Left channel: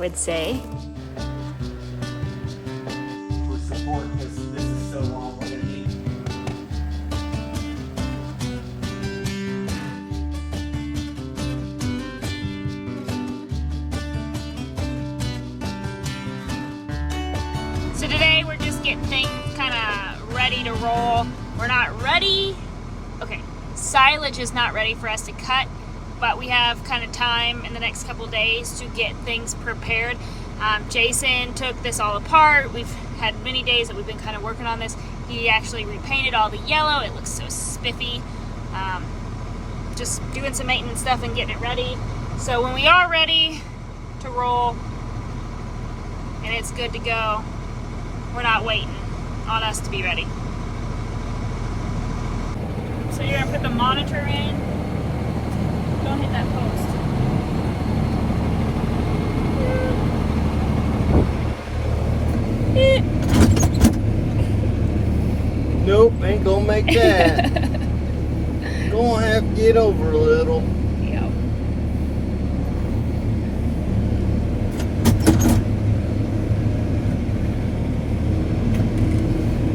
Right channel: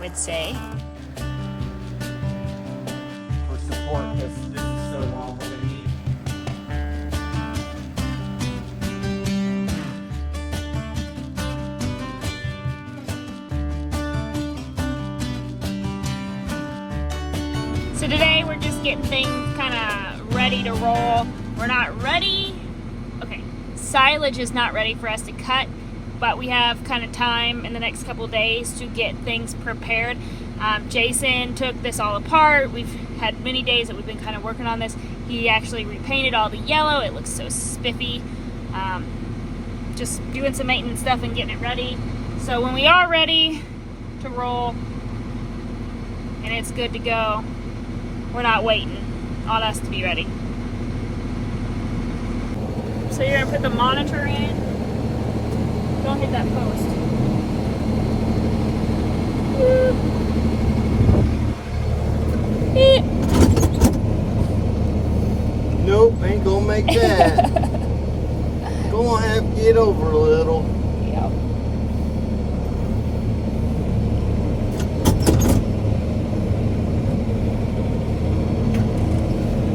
would say. For support, because this is so long, we're going to need. So today we're just getting things kind of ready to roll. We're not ready. Okay, silage is not ready for us to cut, but we have kind of time in the next couple days to get things prepared. Jason took this all apart. We've had many days that we've been kind of working on this. He actually repainted all the yellow. It looks so spiffy. Just doing some maintenance stuff and getting it ready. So when we are ready to roll and it's good to go, we're not waiting on us to be ready. So you're gonna put the monitor in. Don't hit that post. Nope, ain't gonna make that. Gonna have to get over a little. Yep.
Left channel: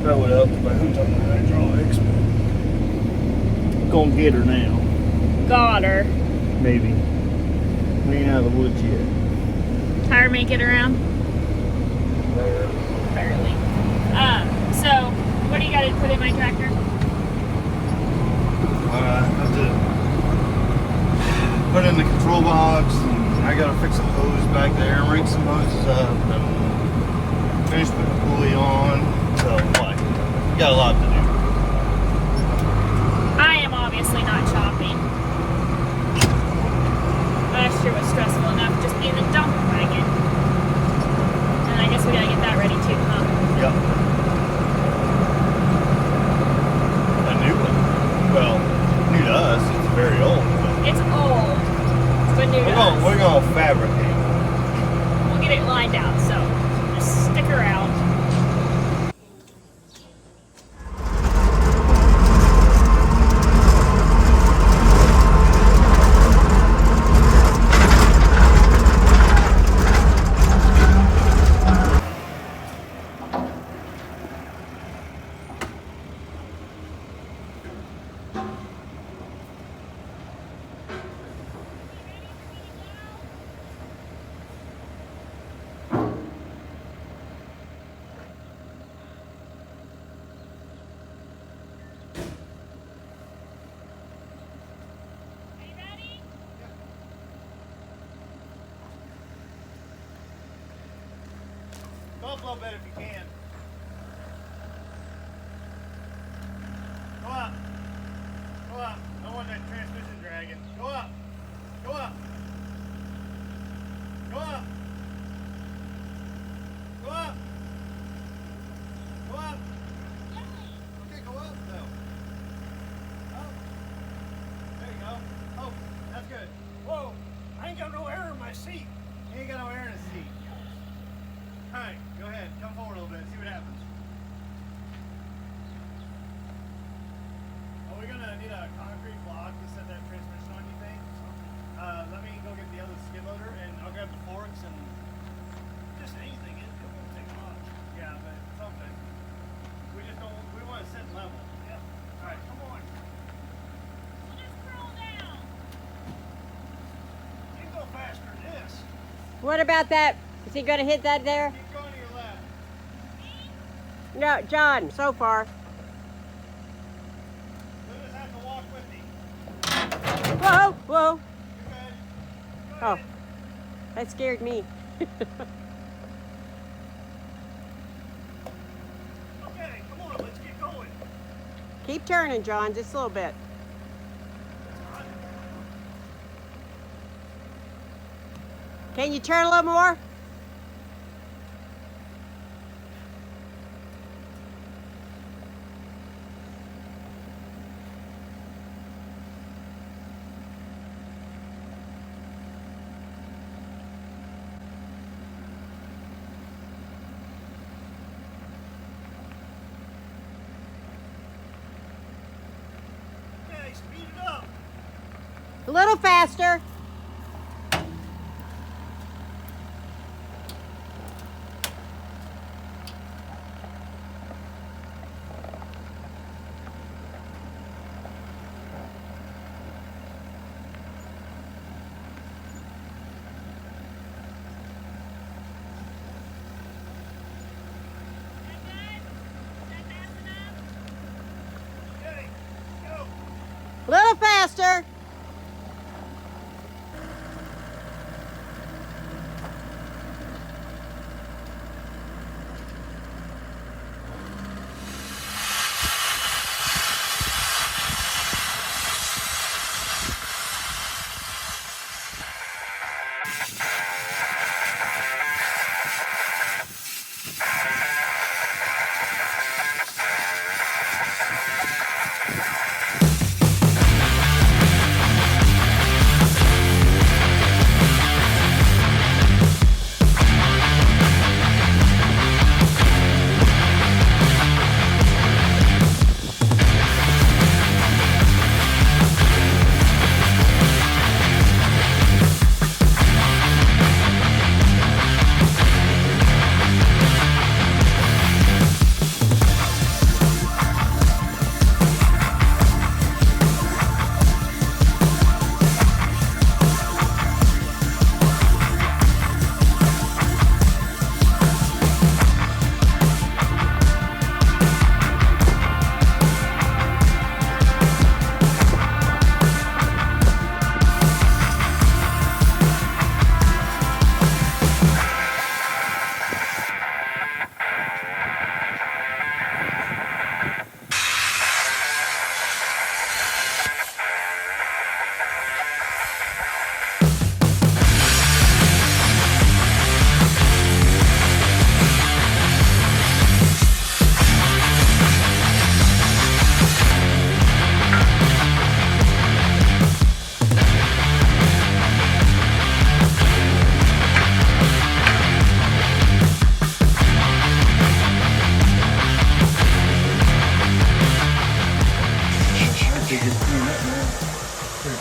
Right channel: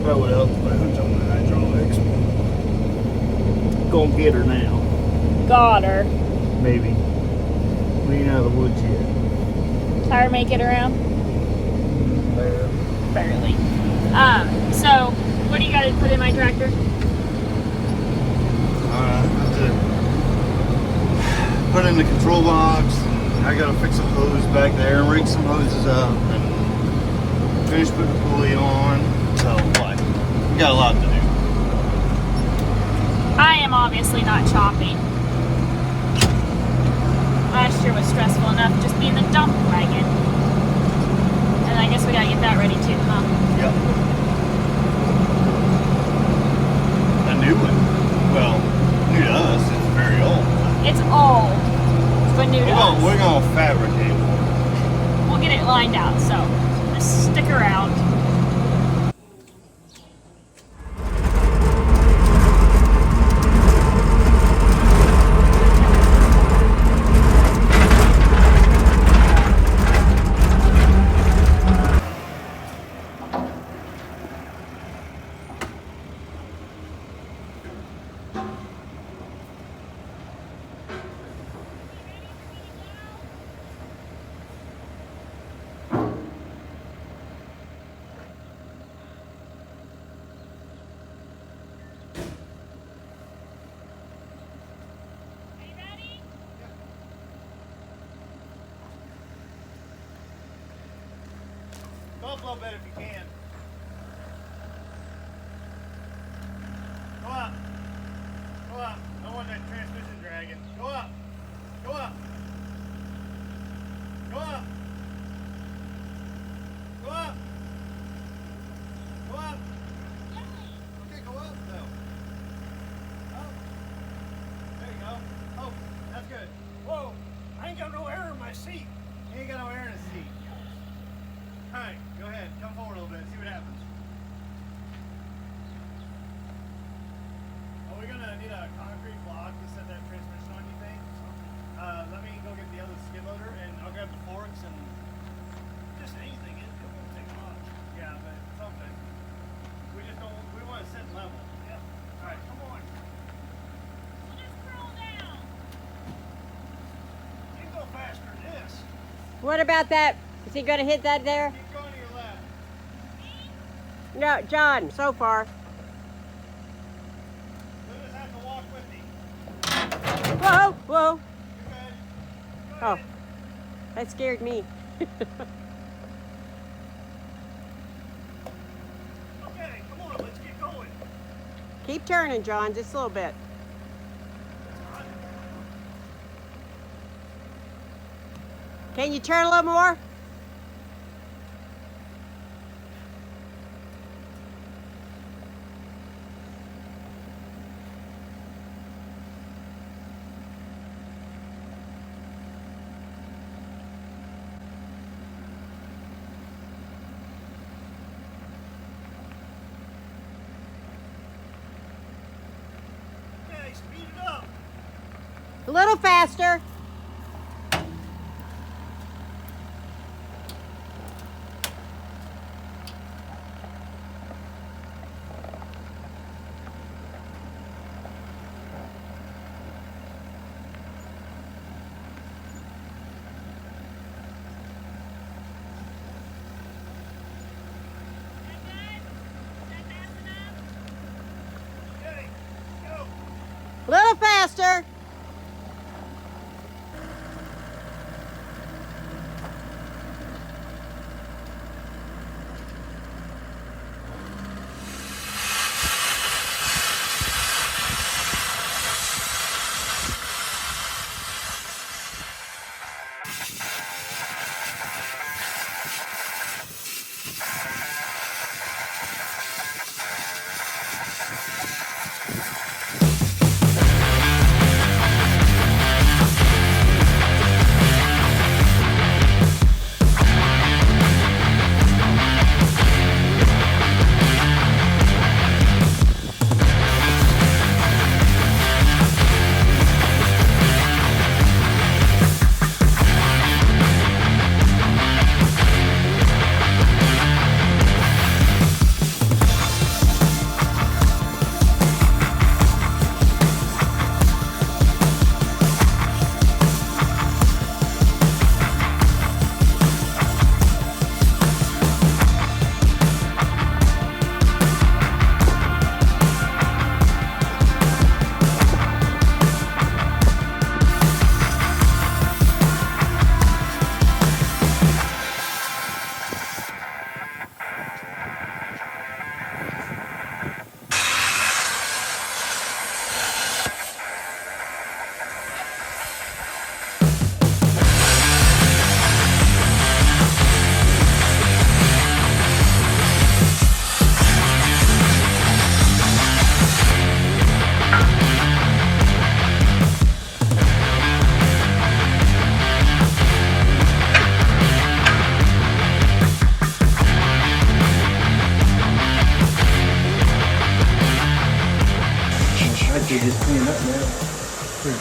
Well, what else? Who's up the hydraulics? Gonna get her now. Got her. Maybe. We ain't out of the woods yet. Tire make it around? Barely. So what do you gotta put in my tractor? I have to put in the control box. And I gotta fix some hoses back there, rig some hoses up, and finish putting the pulley on. So, like, we got a lot to do. I am obviously not chopping. Last year was stressful enough just being the dump wagon. And I guess we gotta get that ready too, huh? Yep. A new one. Well, new to us. It's very old. It's old, but new to us. We're gonna fabricate one. We'll get it lined out, so just stick around. Go up a little bit if you can. Go up. Go up. I don't want that transmission dragging. Go up. Go up. Go up. Go up. Go up. Okay, go up though. Oh. There you go. Oh, that's good. Whoa. I ain't got no air in my seat. You ain't got no air in the seat. Alright, go ahead. Come forward a little bit. See what happens. Are we gonna need a concrete block to set that transmission on, you think? Let me go get the other skid loader and I'll grab the forks and just anything. It won't take much. Yeah, but something. We just don't. We want to set level. Yep. All right, come on. We'll just scroll down. You can go faster than this. What about that? Is he going to hit that there? Keep going to your left. No, John, so far. You'll just have to walk with me. Whoa, whoa. You good? Go Oh, ahead. that scared me. Okay, come on, let's get going. Keep turning, John, just a little bit. Can you turn a little more? Okay, speed it up. A little faster. little faster.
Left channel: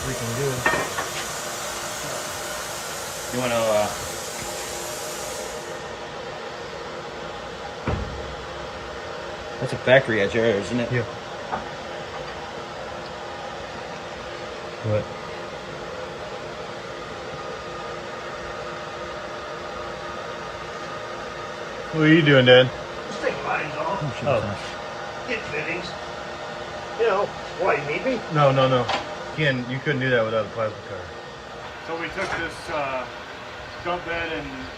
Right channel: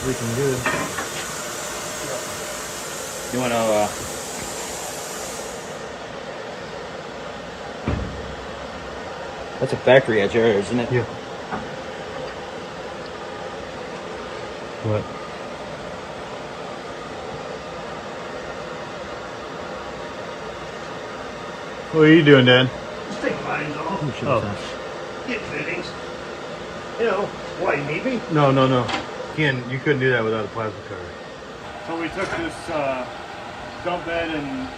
Freaking good. You want to, that's a factory at yours, isn't it? Yeah. What? What are you doing, Dad? Just take mine off. Oh. Get fittings. You know, why you need me? No. You couldn't do that without a plasma cutter. So we took this dump bed and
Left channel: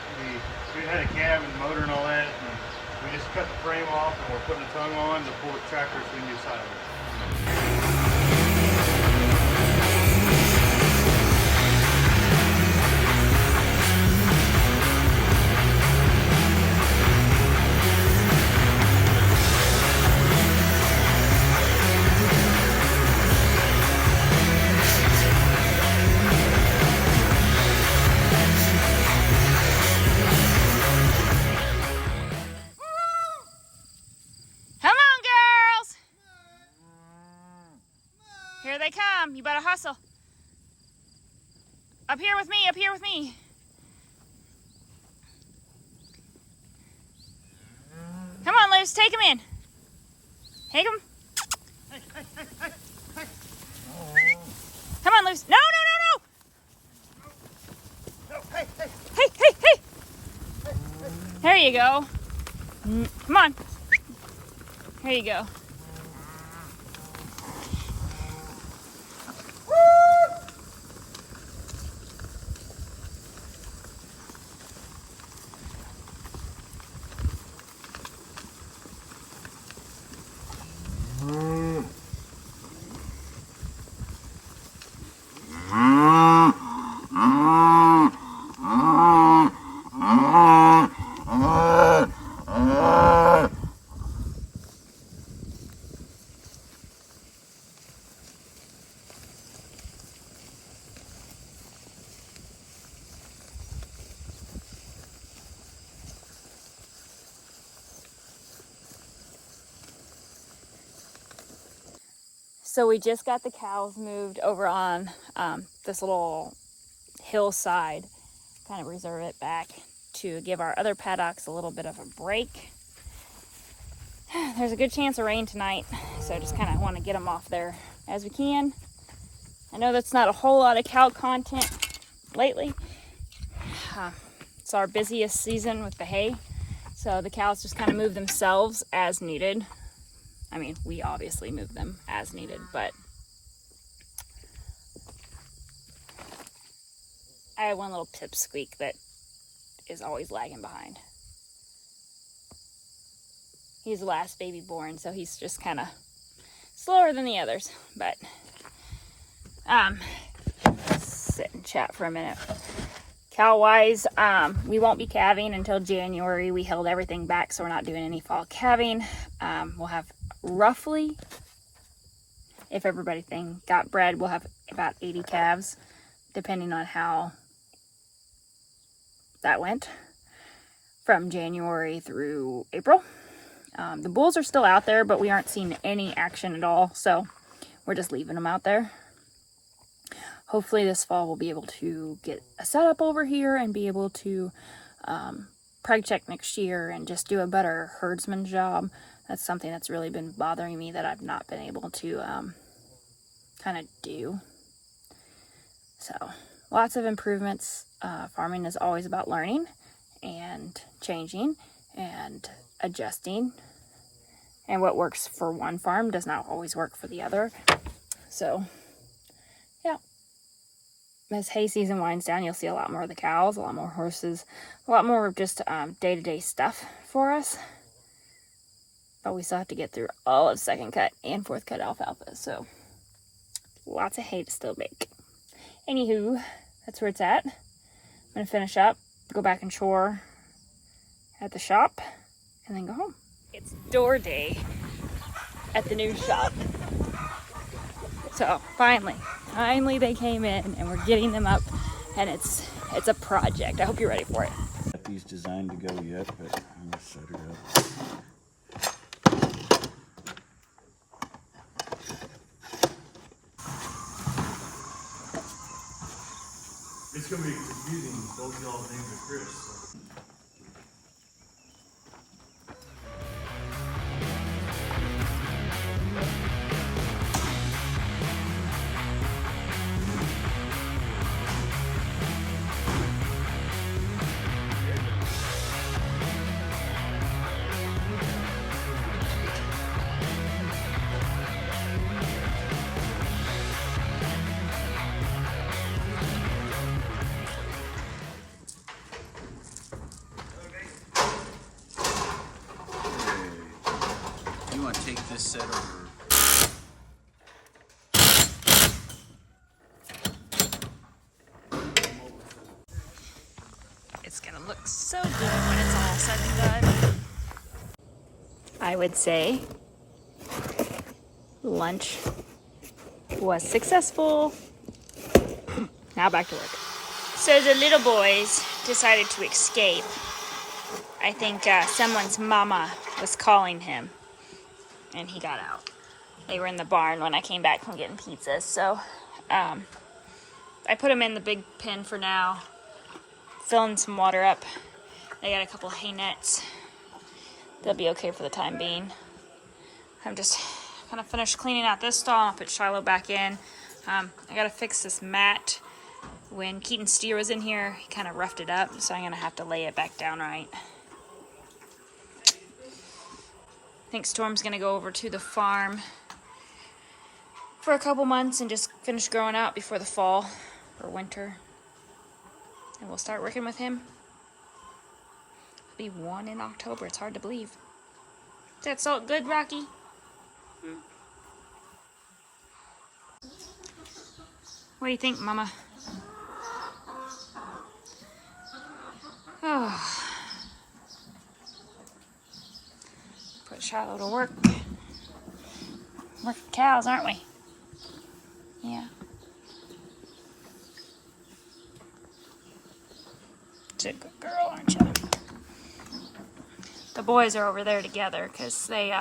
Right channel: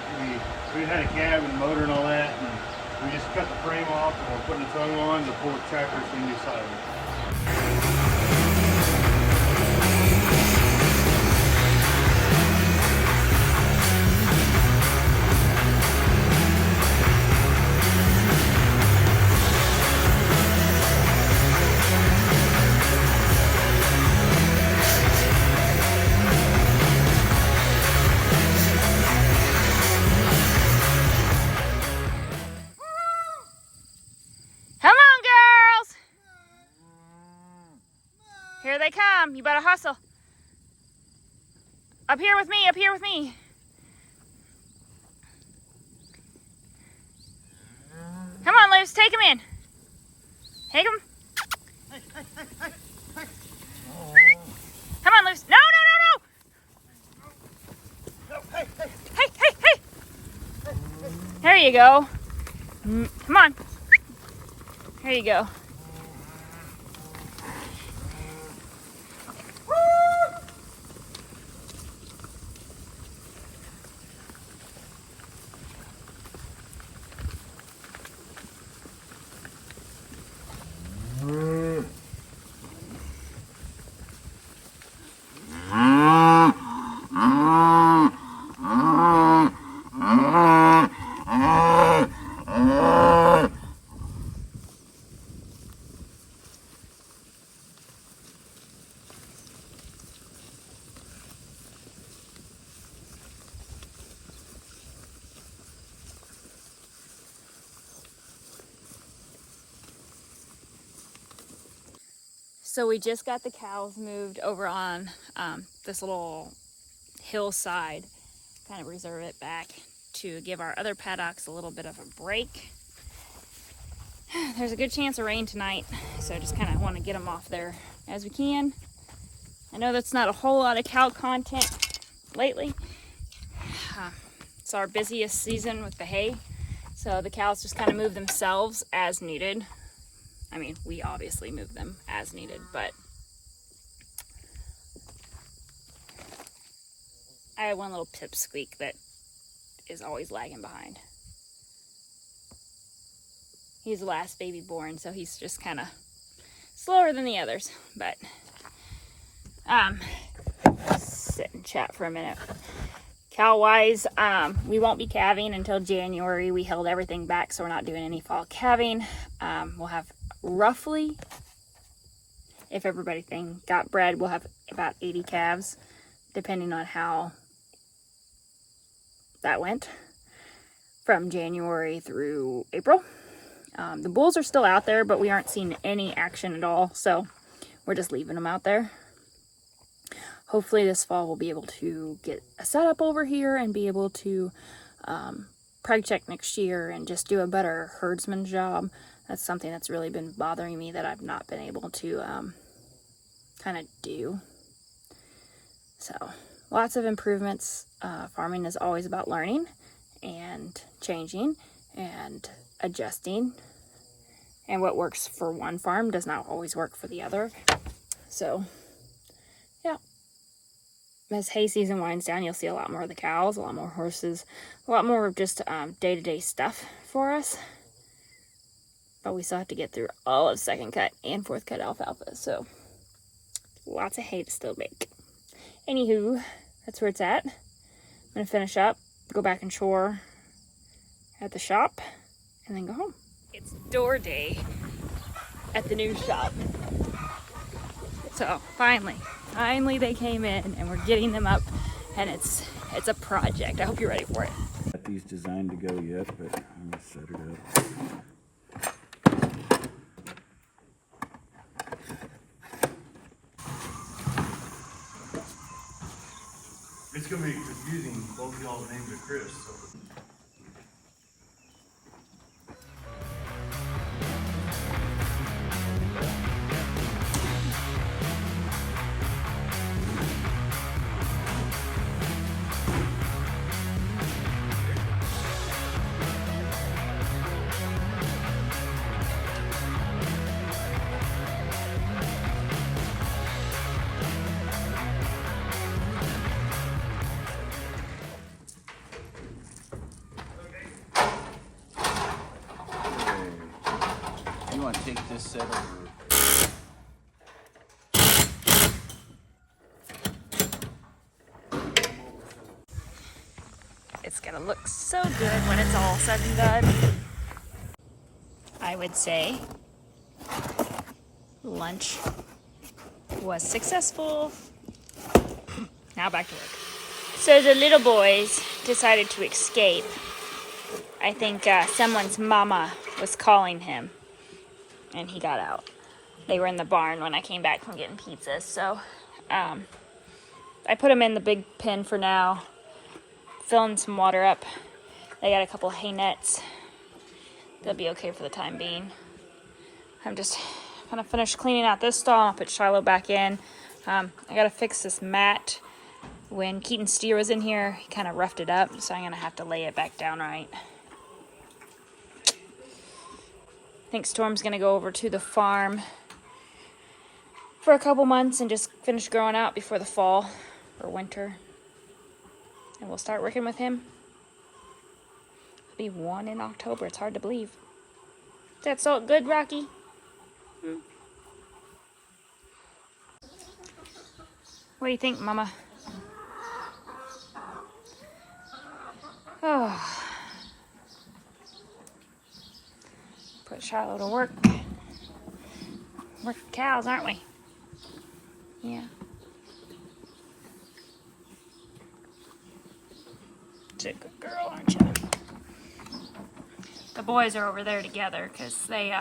we had a cab and motor and all that, and we just cut the frame off and we're putting the tongue on to pull the tractor so we can do silage. Come on, girls. Here they come. You better hustle. Up here with me, up here with me. Come on, Liz, take them in. Take them. Come on, Liz. No. Hey. There you go. Come on. There you go. So we just got the cows moved over on this little hillside, kind of reserve it back to give our other paddocks a little bit of a break. There's a good chance of rain tonight, so I just kind of want to get them off there as we can. I know that's not a whole lot of cow content lately. It's our busiest season with the hay, so the cows just kind of move themselves as needed. I mean, we obviously move them as needed, but I have one little pipsqueak that is always lagging behind. He's the last baby born, so he's just kind of slower than the others. But sit and chat for a minute. Cow wise, we won't be calving until January. We held everything back, so we're not doing any fall calving. We'll have roughly, if everything got bred, we'll have about 80 calves, depending on how that went, from January through April. The bulls are still out there, but we aren't seeing any action at all, so we're just leaving them out there. Hopefully this fall we'll be able to get a setup over here and be able to preg check next year and just do a better herdsman job. That's something that's really been bothering me that I've not been able to kind of do. So lots of improvements. Farming is always about learning and changing and adjusting. And what works for one farm does not always work for the other. So yeah. As hay season winds down, you'll see a lot more of the cows, a lot more horses, a lot more of just day-to-day stuff for us. But we still have to get through all of second cut and fourth cut alfalfa, so lots of hay to still make. Anywho, that's where it's at. I'm gonna finish up, go back and chore at the shop, and then go home. It's door day at the new shop. So finally they came in and we're getting them up, and it's a project. I hope you're ready for it. Got these designed to go yet, but I'm gonna set it up. It's gonna be confusing. Both y'all's names are Chris. So. You want to take this set over? It's gonna look so good when it's all said and done. I would say lunch was successful. Now back to work. So the little boys decided to escape. I think someone's mama was calling him, and he got out. They were in the barn when I came back from getting pizzas, so I put them in the big pen for now, filling some water up. They got a couple hay nets. They'll be okay for the time being. I'm just gonna finish cleaning out this stall, and I'll put Shiloh back in. I gotta fix this mat. When Keaton Steer was in here, he kind of roughed it up, so I'm gonna have to lay it back down right. I think Storm's gonna go over to the farm for a couple months and just finish growing out before the fall or winter. And we'll start working with him. It'll be 1 in October. It's hard to believe. Is that so good, Rocky? What do you think, Mama? Oh. Put Shiloh to work. Working cows, aren't we? Yeah. You're a good girl, aren't you? The boys are over there together because they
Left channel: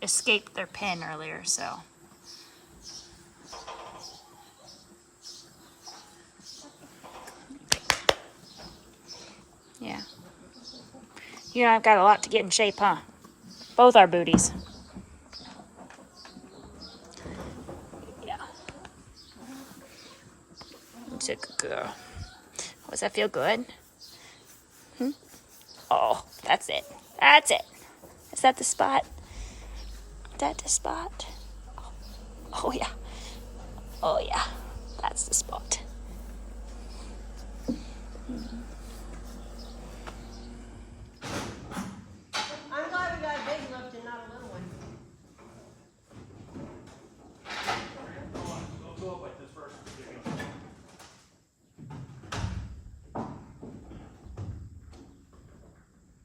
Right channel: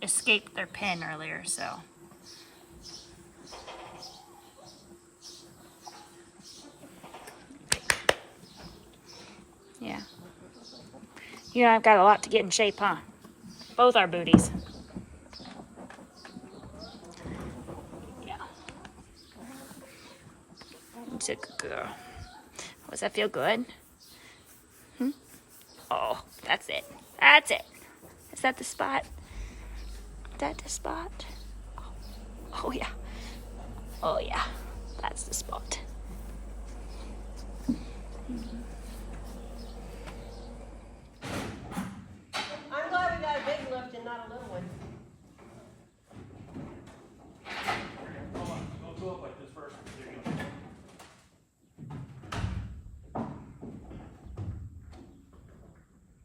escaped their pen earlier, so. Yeah. You know, I've got a lot to get in shape, huh? Both our booties. Yeah. It's a good girl. Does that feel good? Oh, that's it. That's it. Is that the spot? Is that the spot? Oh, yeah. Oh, yeah. That's the spot. I'm glad we got a big lift and not a little one. Hold on. Go up like this first. There you go.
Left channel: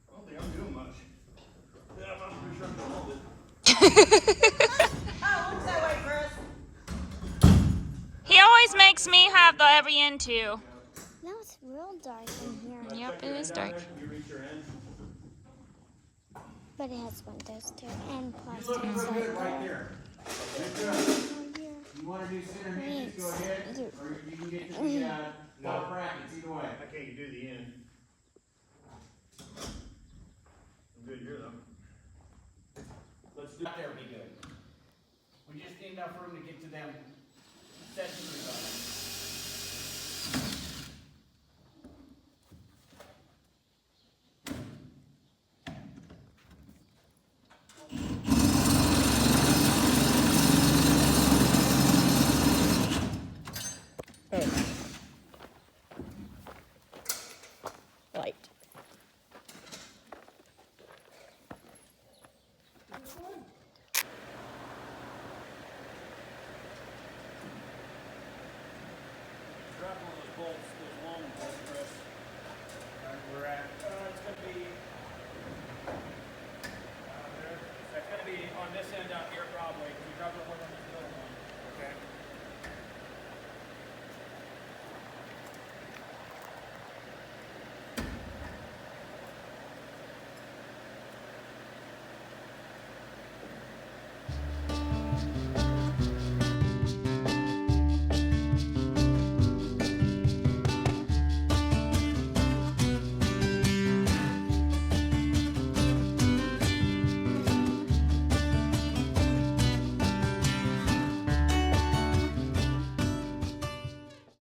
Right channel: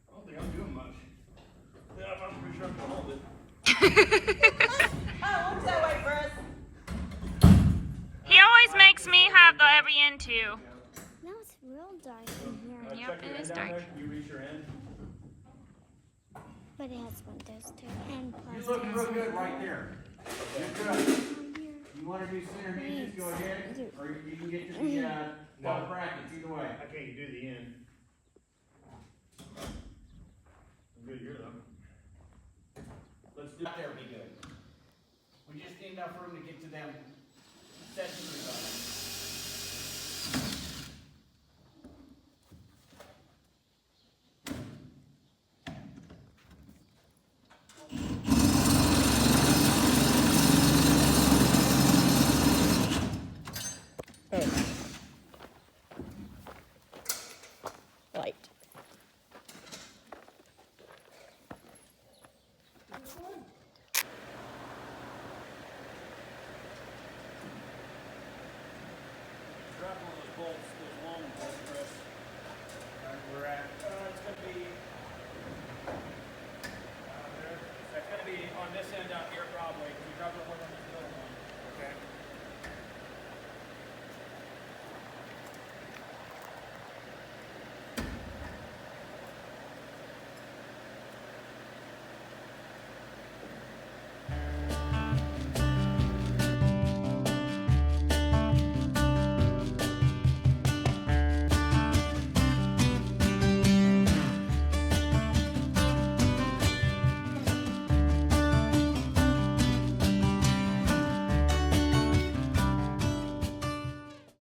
I don't think I'm doing much. Yeah, I'm pretty sure I'm gonna hold it. Oh, looks that way for us. He always makes me have the heavy end too. No, it's real dark in here. Yep, Check your it end is down dark. there. Can you reach your end? But it has windows too. And You plastic. look real good right there. You're good. You want to do center hinges, go ahead. Or you can get to the ball brackets, either way. I can't do the end. I'm good here though. Let's do There would be good. We just need enough room to get to them set screws on it. Light. Drop one of those bolts, those long bolts, Chris. Right where we're at. It's gonna be there. That's gonna be on this end out here, probably.